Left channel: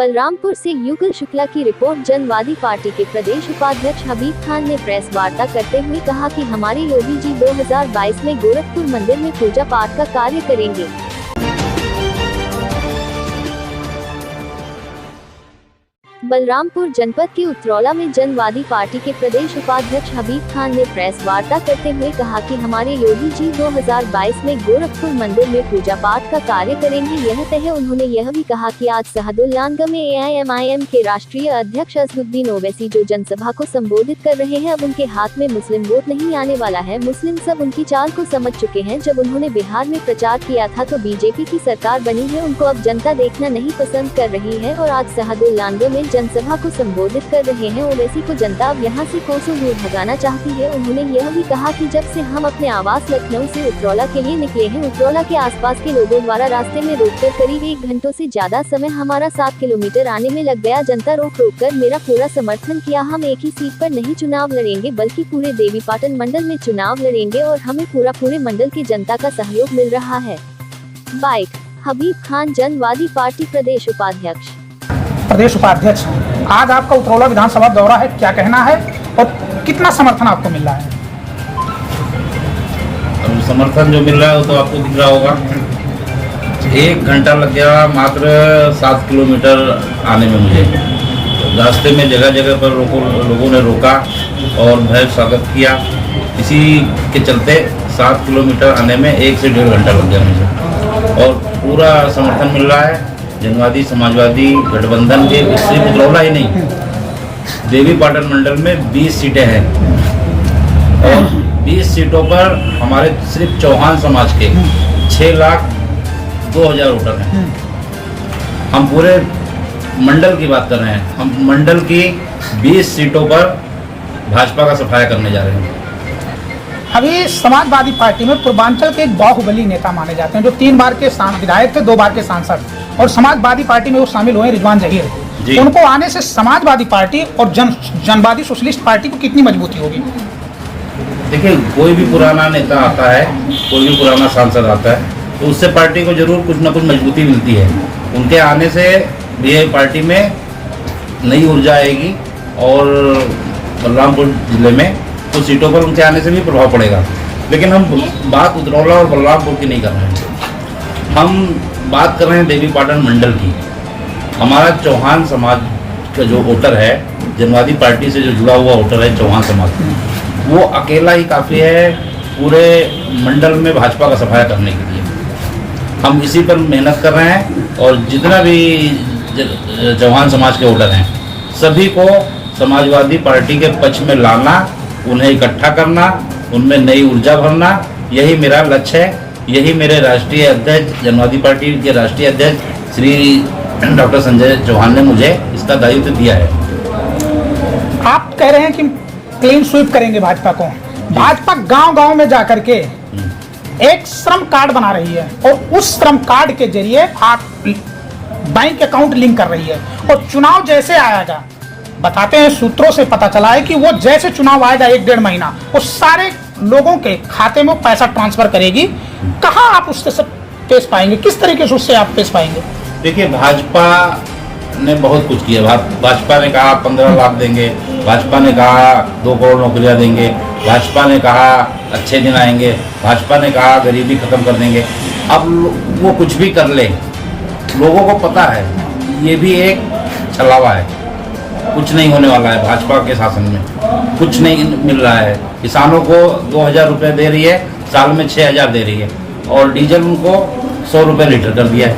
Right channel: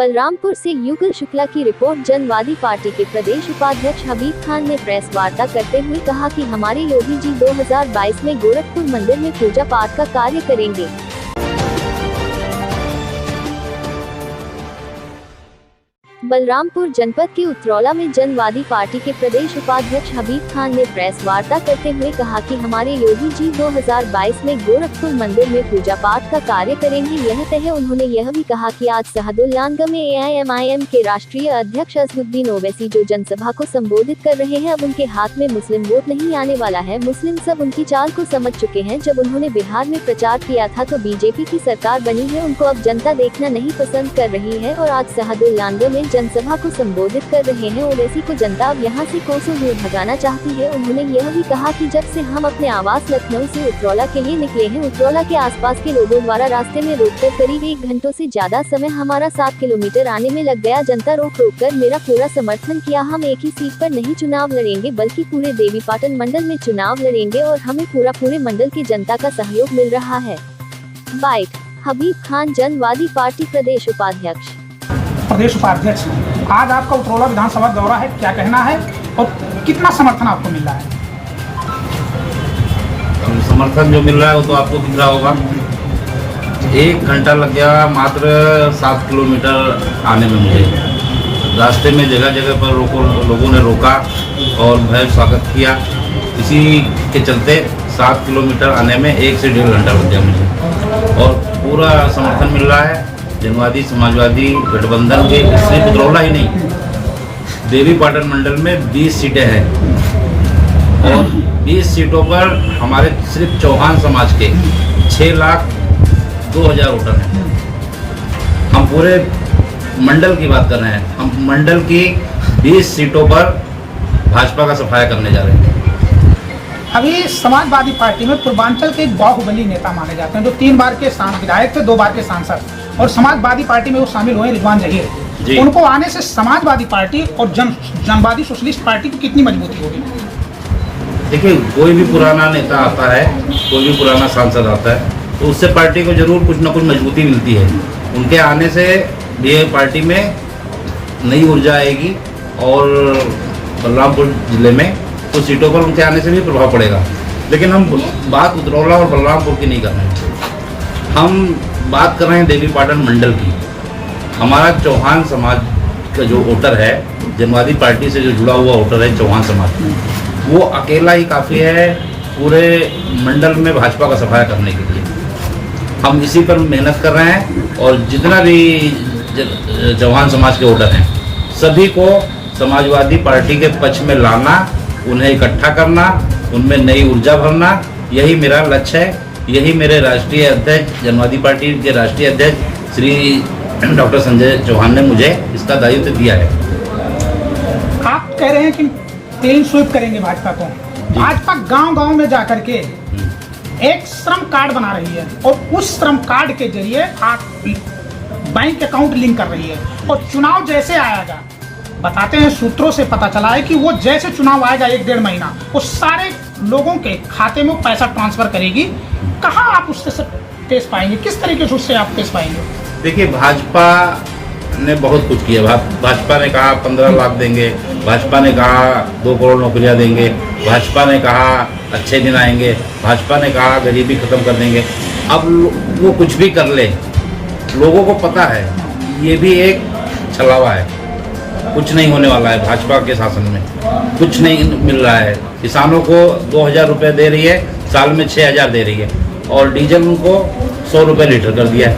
बलरामपुर से युगल शुक्ला की रिपोर्ट। जनवादी पार्टी के प्रदेश उपाध्यक्ष हबीब खान ने प्रेस वार्ता करते हुए कहा कि हमारे योगी जी 2022 में गोरखपुर मंदिर में पूजा पाठ का कार्य करेंगे। बलरामपुर जनपद के उतरौला में जनवादी पार्टी के प्रदेश उपाध्यक्ष हबीब खान ने प्रेस वार्ता करते हुए कहा कि हमारे योगी जी 2022 में गोरखपुर मंदिर में पूजा पाठ का कार्य करेंगे, यह तय है। उन्होंने यह भी कहा कि आज सहदुल्लानगंज में AIMIM के राष्ट्रीय अध्यक्ष असदुद्दीन ओवैसी जो जनसभा को संबोधित कर रहे हैं, अब उनके हाथ में मुस्लिम वोट नहीं आने वाला है। मुस्लिम सब उनकी चाल को समझ चुके हैं। जब उन्होंने बिहार में प्रचार किया था तो बीजेपी की सरकार बनी है, उनको अब जनता देखना नहीं पसंद कर रही है और आज सहदुल्लानगंज में जनसभा को संबोधित कर रहे हैं। ओवैसी को जनता अब यहाँ से कोसों दूर भगाना चाहती है। उन्होंने यह भी कहा कि जब से हम अपने आवास लखनऊ से उतरौला के लिए निकले हैं, उतरौला के आसपास के लोगों द्वारा रास्ते में रोककर करीब 1 घंटों से ज्यादा समय हमारा 7 किलोमीटर आने में लग गया। जनता रोक कर मेरा पूरा समर्थन किया। हम एक ही सीट पर नहीं चुनाव लड़ेंगे बल्कि पूरे देवीपाटन मंडल में चुनाव लड़ेंगे और हमें पूरे मंडल की जनता का सहयोग मिल रहा है। बाइट हबीब खान, जनवादी पार्टी प्रदेश उपाध्यक्ष। आज आपका उतरौला विधानसभा दौरा है, क्या कहना है और कितना समर्थन आपको मिल रहा है? समर्थन जो मिल रहा है वो तो आपको दिख रहा होगा। 1 घंटा लग गया मात्र 7 किलोमीटर आने में मुझे। रास्ते में जगह जगह पर लोगों ने रोका और भव्य स्वागत किया। इसी के चलते 7 किलोमीटर आने में 1 से 1.5 घंटा लग गया मुझे और पूरा समर्थन मिल रहा है। जनवादी समाजवादी गठबंधन के सिर्फ उतरौला ही नहीं, देवीपाटन मंडल में 20 सीटें हैं और 20 सीटों पर हमारे सिर्फ चौहान समाज के 6,02,000 वोटर हैं। हम पूरे मंडल की बात कर रहे हैं। हम मंडल की 20 सीटों पर भाजपा का सफाया करने जा रहे हैं। अभी समाजवादी पार्टी में पूर्वांचल के बाहुबली नेता माने जाते हैं, जो 3 बार के विधायक थे, 2 बार के सांसद, और समाजवादी पार्टी में वो शामिल हुए रिजवान जहीर। उनको आने से समाजवादी पार्टी और जनवादी सोशलिस्ट पार्टी को कितनी मजबूती होगी? देखिए, कोई भी पुराना नेता आता है, कोई भी पुराना सांसद आता है तो उससे पार्टी को जरूर कुछ ना कुछ मजबूती मिलती है। उनके आने से ये पार्टी में नई ऊर्जा आएगी और बलरामपुर जिले में कुछ सीटों पर उनके आने से भी प्रभाव पड़ेगा। लेकिन हम बात उतरौला और बलरामपुर की नहीं कर रहे हैं, हम बात कर रहे हैं देवीपाटन मंडल की। हमारा चौहान समाज का जो वोटर है, जनवादी पार्टी से जो जुड़ा हुआ वोटर है चौहान समाज, वो अकेला ही काफ़ी है पूरे मंडल में भाजपा का सफाया करने के लिए। हम इसी पर मेहनत कर रहे हैं और जितना भी चौहान समाज के वोटर हैं सभी को समाजवादी पार्टी के पक्ष में लाना, उन्हें इकट्ठा करना, उनमें नई ऊर्जा भरना, यही मेरा लक्ष्य है। यही मेरे राष्ट्रीय अध्यक्ष, जनवादी पार्टी के राष्ट्रीय अध्यक्ष श्री डॉक्टर संजय चौहान ने मुझे इसका दायित्व दिया है। आप कह रहे हैं कि क्लीन स्वीप करेंगे भाजपा को। भाजपा गांव-गांव में जाकर के एक श्रम कार्ड बना रही है और उस श्रम कार्ड के जरिए आप बैंक अकाउंट लिंक कर रही है और चुनाव जैसे आएगा, बताते हैं सूत्रों से पता चला है कि वो जैसे चुनाव आएगा 1-1.5 महीना, वो सारे लोगों के खाते में पैसा ट्रांसफर करेगी। कहाँ आप उससे पेश पाएंगे, किस तरीके से उससे आप पेश पाएंगे? देखिए, भाजपा ने बहुत कुछ किया। भाजपा ने कहा 15 लाख देंगे, भाजपा ने कहा 2 करोड़ नौकरियां देंगे, भाजपा ने कहा अच्छे दिन आएंगे, भाजपा ने कहा गरीबी खत्म कर देंगे। अब वो कुछ भी कर ले, लोगों को पता है ये भी एक छलावा है, कुछ नहीं होने वाला है। भाजपा के शासन में कुछ नहीं मिल रहा है। किसानों को 2,000 रुपये दे रही है, साल में 6,000 दे रही है और डीजल उनको 100 रुपये लीटर कर दिया है।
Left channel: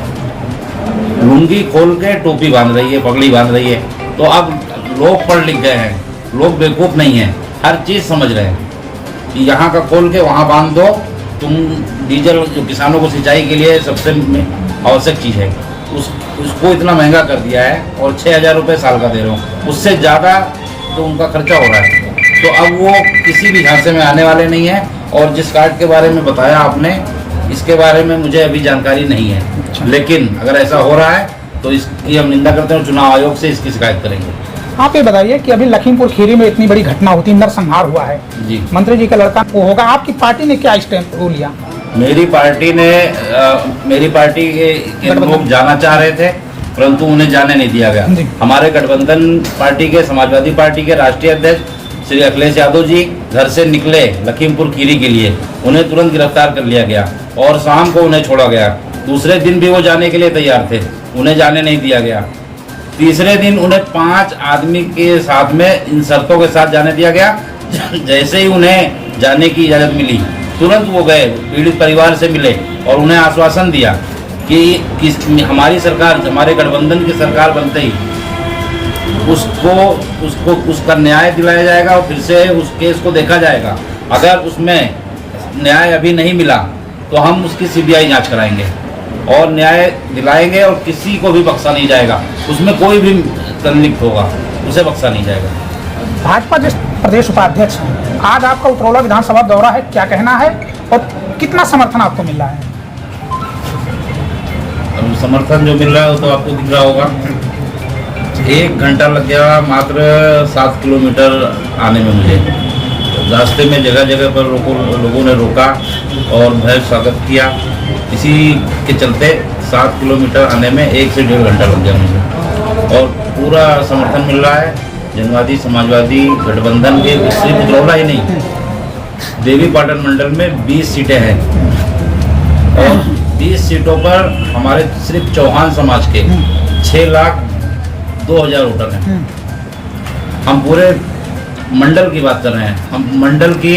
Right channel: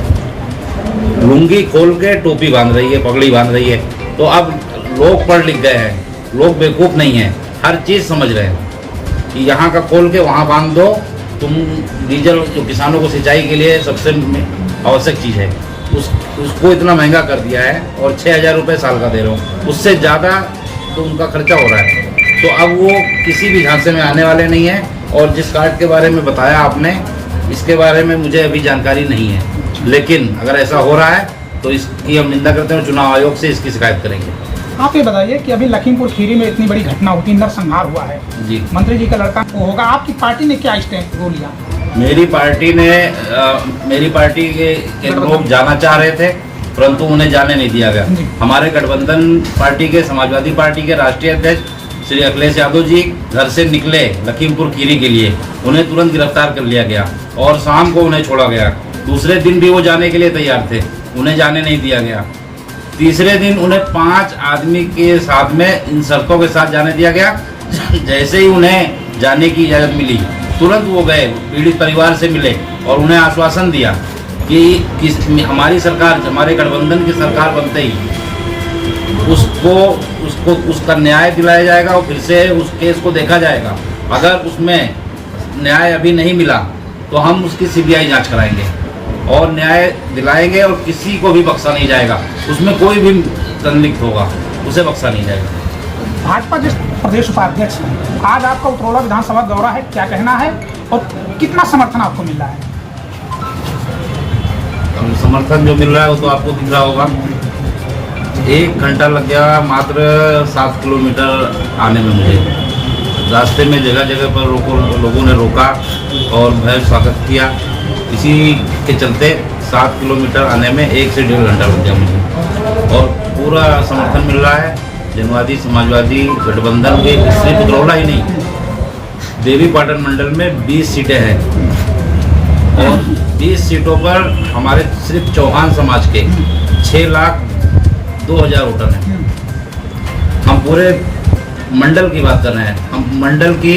लुंगी खोल के टोपी बांध रही है, पगड़ी बांध रही है। तो अब लोग पढ़ लिख गए हैं, लोग बेवकूफ़ नहीं हैं, हर चीज़ समझ रहे हैं कि यहाँ का खोल के वहाँ बांध दो। तुम डीजल जो किसानों को सिंचाई के लिए सबसे आवश्यक चीज़ है, उसको इतना महंगा कर दिया है और 6,000 रुपये साल का दे रहे हो, उससे ज़्यादा तो उनका खर्चा हो रहा है। तो अब वो किसी भी झांसे में आने वाले नहीं है। और जिस कार्ड के बारे में बताया आपने, इसके बारे में मुझे अभी जानकारी नहीं है, लेकिन अगर ऐसा हो रहा है तो इसकी हम निंदा करते हैं, चुनाव आयोग से इसकी शिकायत करेंगे। आप ये बताइए कि अभी लखीमपुर खीरी में इतनी बड़ी घटना होती, नरसंहार हुआ है जी, मंत्री जी का लड़का वो होगा, आपकी पार्टी ने क्या स्टेप लिया? मेरी पार्टी के लोग जाना चाह रहे थे परंतु उन्हें जाने नहीं दिया गया। जी। हमारे गठबंधन पार्टी के, समाजवादी पार्टी के राष्ट्रीय अध्यक्ष श्री अखिलेश यादव जी घर से निकले लखीमपुर खीरी के लिए, उन्हें तुरंत गिरफ्तार कर लिया गया और शाम को उन्हें छोड़ा गया। दूसरे दिन भी वो जाने के लिए तैयार थे, उन्हें जाने नहीं दिया गया। तीसरे दिन उन्हें 5 आदमी के साथ में इन शर्तों के साथ जाने दिया गया। जैसे ही उन्हें जाने की इजाज़त मिली, तुरंत वो गए, पीड़ित परिवार से मिले और उन्हें आश्वासन दिया कि हमारी सरकार, हमारे गठबंधन की सरकार बनते ही उसका न्याय दिलाया जाएगा और फिर से उस केस को देखा जाएगा। अगर उसमें न्याय अभी नहीं मिला तो हम उसकी सीबीआई जांच कराएंगे और न्याय दिलाएंगे और किसी को भी बख्शा नहीं जाएगा। उसमें कोई भी संलिप्त होगा उसे बख्शा नहीं जाएगा। भाजपा जिस प्रदेश उपाध्यक्ष हैं, आज आपका उतरौला विधानसभा दौरा है, क्या कहना है और कितना समर्थन आपको मिल रहा है? समर्थन जो मिल रहा है वो तो आपको दिख रहा होगा। 1 घंटा लग गया मात्र 7 किलोमीटर आने में मुझे। रास्ते में जगह जगह पर लोगों ने रोका और भव्य स्वागत किया। इसी के चलते 7 किलोमीटर आने में 1 से 1.5 घंटा लग गया मुझे और पूरा समर्थन मिल रहा है। जनवादी समाजवादी गठबंधन के सिर्फ उतरौला ही नहीं, देवीपाटन मंडल में 20 सीटें हैं और 20 सीटों पर हमारे सिर्फ चौहान समाज के 6,02,000 वोटर हैं। हम पूरे मंडल की बात कर रहे हैं। हम मंडल की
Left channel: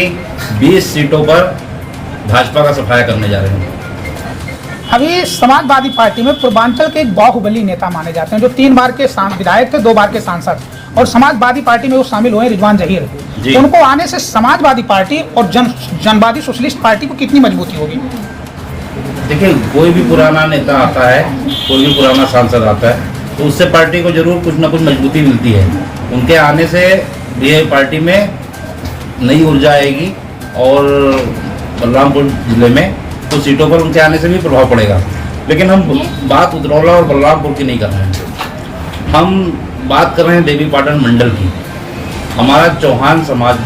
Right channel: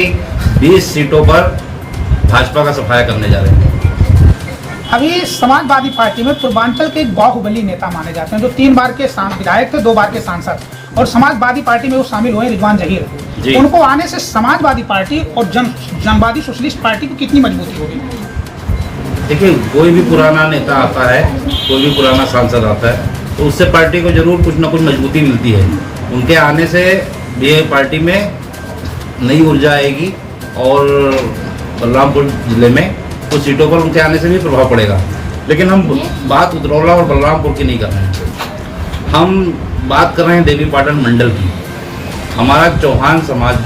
20 सीटों पर भाजपा का सफाया करने जा रहे हैं। अभी समाजवादी पार्टी में पूर्वांचल के एक बाहुबली नेता माने जाते हैं, जो 3 बार के विधायक थे, 2 बार के सांसद, और समाजवादी पार्टी में वो शामिल हुए रिजवान जहीर। तो उनको आने से समाजवादी पार्टी और जनवादी सोशलिस्ट पार्टी को कितनी मजबूती होगी? देखिए, कोई भी पुराना नेता आता है, कोई भी पुराना सांसद आता है तो उससे पार्टी को जरूर कुछ ना कुछ मजबूती मिलती है। उनके आने से भी पार्टी में नई ऊर्जा आएगी और बलरामपुर जिले में कुछ सीटों पर उनके आने से भी प्रभाव पड़ेगा। लेकिन हम बात उतरौला और बलरामपुर की नहीं कर रहे हैं, हम बात कर रहे हैं देवीपाटन मंडल की। हमारा चौहान समाज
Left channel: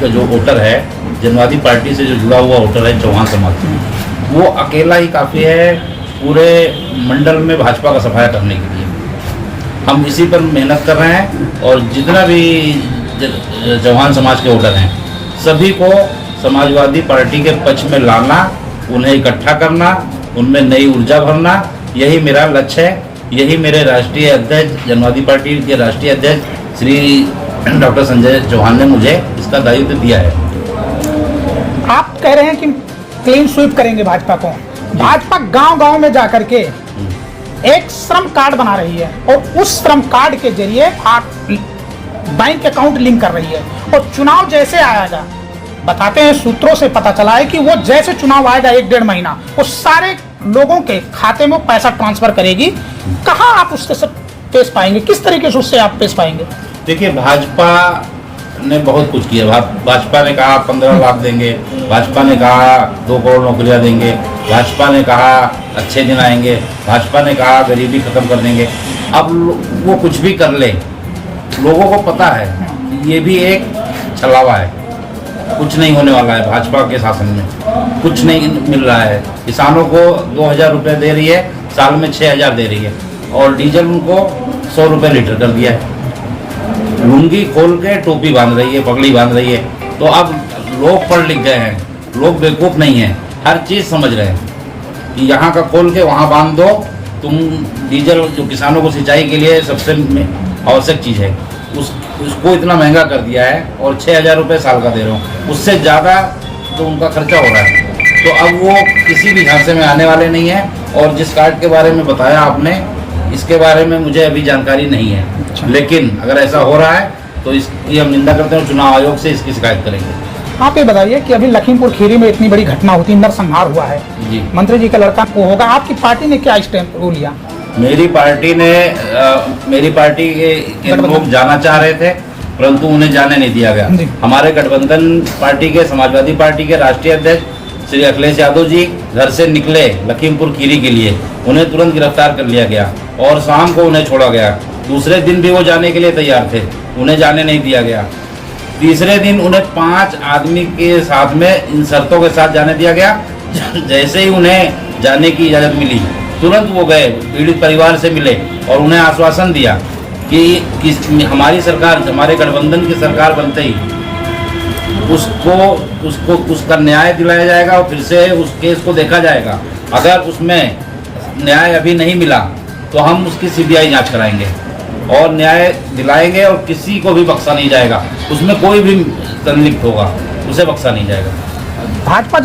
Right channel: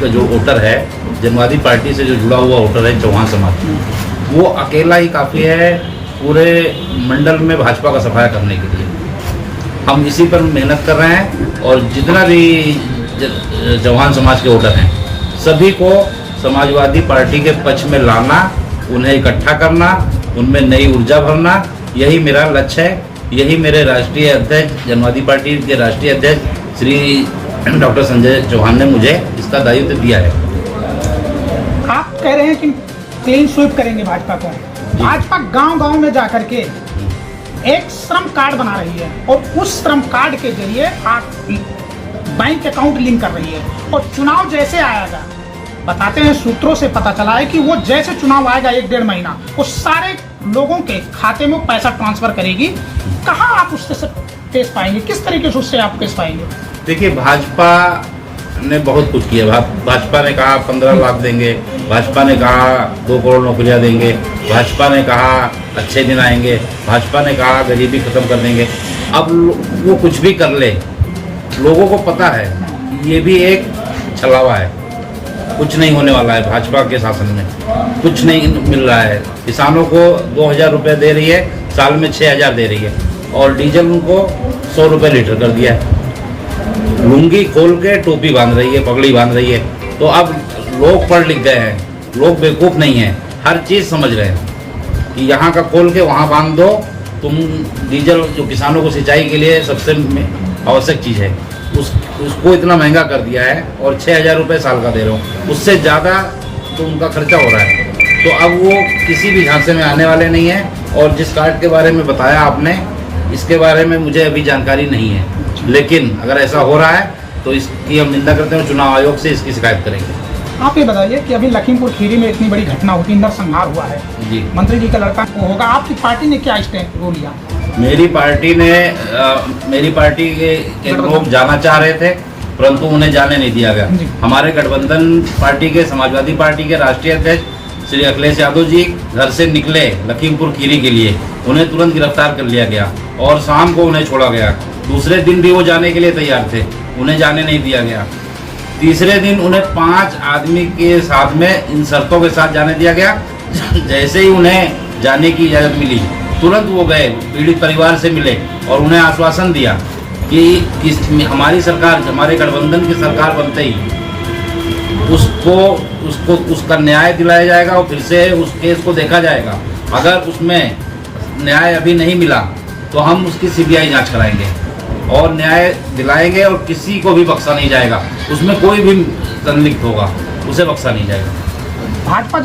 का जो वोटर है, जनवादी पार्टी से जो जुड़ा हुआ वोटर है चौहान समाज, वो अकेला ही काफ़ी है पूरे मंडल में भाजपा का सफाया करने के लिए। हम इसी पर मेहनत कर रहे हैं और जितना भी चौहान समाज के वोटर हैं सभी को समाजवादी पार्टी के पक्ष में लाना, उन्हें इकट्ठा करना, उनमें नई ऊर्जा भरना, यही मेरा लक्ष्य है। यही मेरे राष्ट्रीय अध्यक्ष, जनवादी पार्टी के राष्ट्रीय अध्यक्ष श्री डॉक्टर संजय चौहान ने मुझे इसका दायित्व दिया है। आप कह रहे हैं कि क्लीन स्वीप करेंगे भाजपा को। भाजपा गांव-गांव में जाकर के एक श्रम कार्ड बना रही है और उस श्रम कार्ड के जरिए आप बैंक अकाउंट लिंक कर रही है। तो चुनाव जैसे आएगा, बताते हैं सूत्रों से पता चला है कि वो जैसे चुनाव आएगा 1-1.5 महीना, वो सारे लोगों के खाते में पैसा ट्रांसफर करेगी। कहाँ आप उससे सब पेश पाएंगे, किस तरीके से उससे आप पेश पाएंगे? देखिए, भाजपा ने बहुत कुछ किया। भाजपा ने कहा 15 लाख देंगे, भाजपा ने कहा 2 करोड़ नौकरियां देंगे, भाजपा ने कहा अच्छे दिन आएंगे, भाजपा ने कहा गरीबी खत्म कर देंगे। अब वो कुछ भी कर ले, लोगों को पता है ये भी एक छलावा है, कुछ नहीं होने वाला है। भाजपा के शासन में कुछ नहीं मिल रहा है। किसानों को 2,000 रुपये दे रही है, साल में 6,000 दे रही है और डीजल उनको 100 रुपये लीटर कर दिया है। लुंगी खोल के टोपी बांध रही है, पगड़ी बांध रही है। तो अब लोग पढ़ लिख गए हैं, लोग बेवकूफ़ नहीं हैं, हर चीज़ समझ रहे हैं कि यहाँ का खोल के वहाँ बांध दो। तुम डीजल जो किसानों को सिंचाई के लिए सबसे आवश्यक चीज़ है, उसको इतना महंगा कर दिया है और 6,000 रुपये साल का दे रहे हो, उससे ज़्यादा तो उनका खर्चा हो रहा है। तो अब वो किसी भी झांसे में आने वाले नहीं हैं। और जिस कार्ड के बारे में बताया आपने, इसके बारे में मुझे अभी जानकारी नहीं है, लेकिन अगर ऐसा हो रहा है तो इसकी हम निंदा करते हैं, चुनाव आयोग से इसकी शिकायत करेंगे। आप ये बताइए कि अभी लखीमपुर खीरी में इतनी बड़ी घटना होती, नरसंहार हुआ है जी, मंत्री जी का लड़का को होगा, आपकी पार्टी ने क्या स्टेप लिया? मेरी पार्टी के लोग जाना चाह रहे थे परंतु उन्हें जाने नहीं दिया गया। हमारे गठबंधन पार्टी के, समाजवादी पार्टी के राष्ट्रीय अध्यक्ष श्री अखिलेश यादव जी घर से निकले लखीमपुर खीरी के लिए, उन्हें तुरंत गिरफ्तार कर लिया गया और शाम को उन्हें छोड़ा गया। दूसरे दिन भी वो जाने के लिए तैयार थे, उन्हें जाने नहीं दिया गया। तीसरे दिन उन्हें 5 आदमी के साथ में इन शर्तों के साथ जाने दिया गया। जैसे ही उन्हें जाने की इजाज़त मिली, तुरंत वो गए पीड़ित परिवार से मिले और उन्हें आश्वासन दिया कि हमारी सरकार, हमारे गठबंधन की सरकार बनते ही उसका न्याय दिलाया जाएगा और फिर से उस केस को देखा जाएगा। अगर उसमें न्याय अभी नहीं मिला तो हम उसकी सीबीआई जांच कराएंगे और न्याय दिलाएंगे और किसी को भी बख्शा नहीं जाएगा। उसमें कोई भी संलिप्त होगा उसे बख्शा नहीं जाएगा। भाजपा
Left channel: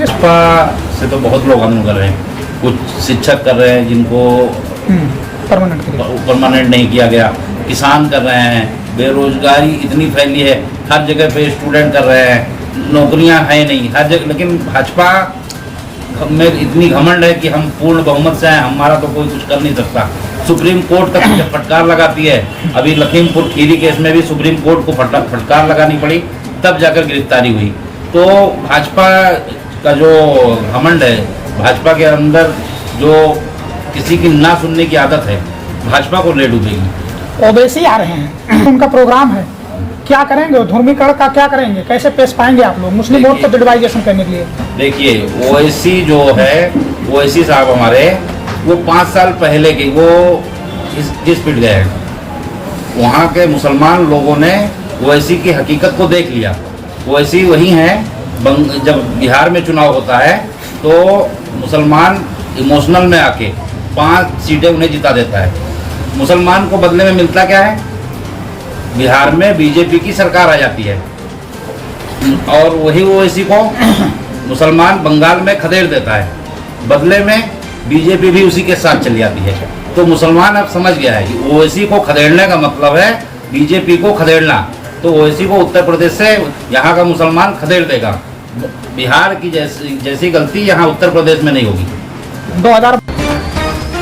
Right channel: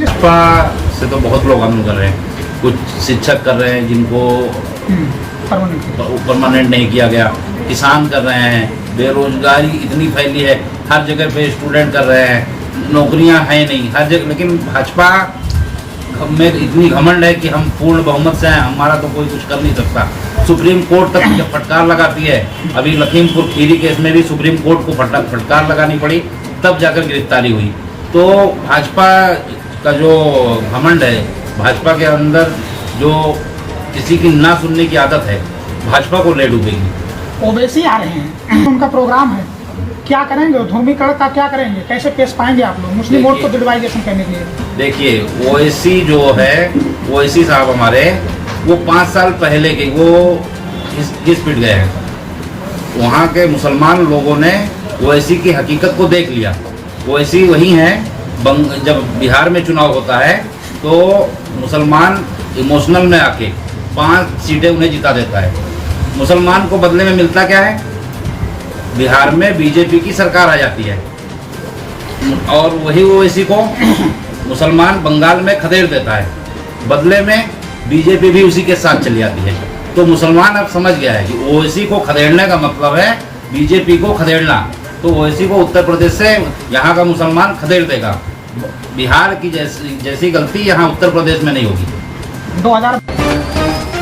से तो बहुत लोग आंदोलन कर रहे हैं, कुछ शिक्षक कर रहे हैं जिनको परमानेंट नहीं किया गया, किसान कर रहे हैं, बेरोजगारी इतनी फैली है, हर जगह पे स्टूडेंट कर रहे हैं, नौकरियां हैं नहीं हर जगह। लेकिन भाजपा में इतनी घमंड है कि हम पूर्ण बहुमत से हैं, हमारा तो कोई कुछ कर नहीं सकता। सुप्रीम कोर्ट तक जब फटकार लगाती है, अभी लखीमपुर खीरी केस में भी सुप्रीम कोर्ट को फटकार लगानी पड़ी, तब जाकर गिरफ्तारी हुई। तो भाजपा का जो घमंड है, भाजपा के अंदर जो किसी की ना सुनने की आदत है, भाजपा को ले डूबेगी। ओवैसी आ रहे हैं, उनका प्रोग्राम है, क्या करेंगे? ध्रुवीकरण का क्या करेंगे? कैसे पेश पाएंगे आप लोग मुस्लिम वोट को डिवाइडेशन करने के लिए? देखिए ओवैसी जो है, ओवैसी साहब हमारे वो 5 साल पहले के वो घिस पिट गए हैं। वहाँ के मुसलमान लोगों ने ओवैसी की हकीकत को देख लिया। ओवैसी वही हैं, जब बिहार में चुनाव होता है तो मुसलमान इमोशनल में आके 5 सीटें उन्हें जिता देता है। मुसलमान को बदले में मिलता क्या है? बिहार में बीजेपी की सरकार आ जाती है और वही ओवैसी को मुसलमान बंगाल में खदेड़ देता है, बदले में बीजेपी भी उसी के साथ चली जाती है। तो मुसलमान अब समझ गया है कि ओवैसी को खदेड़ने का मतलब है बीजेपी को खदेड़ना। तो ओवैसी को उत्तर प्रदेश से यहाँ का मुसलमान खदेड़ देगा। बिहार की जैसी गलती यहाँ उत्तर प्रदेश में नहीं होगी। 2000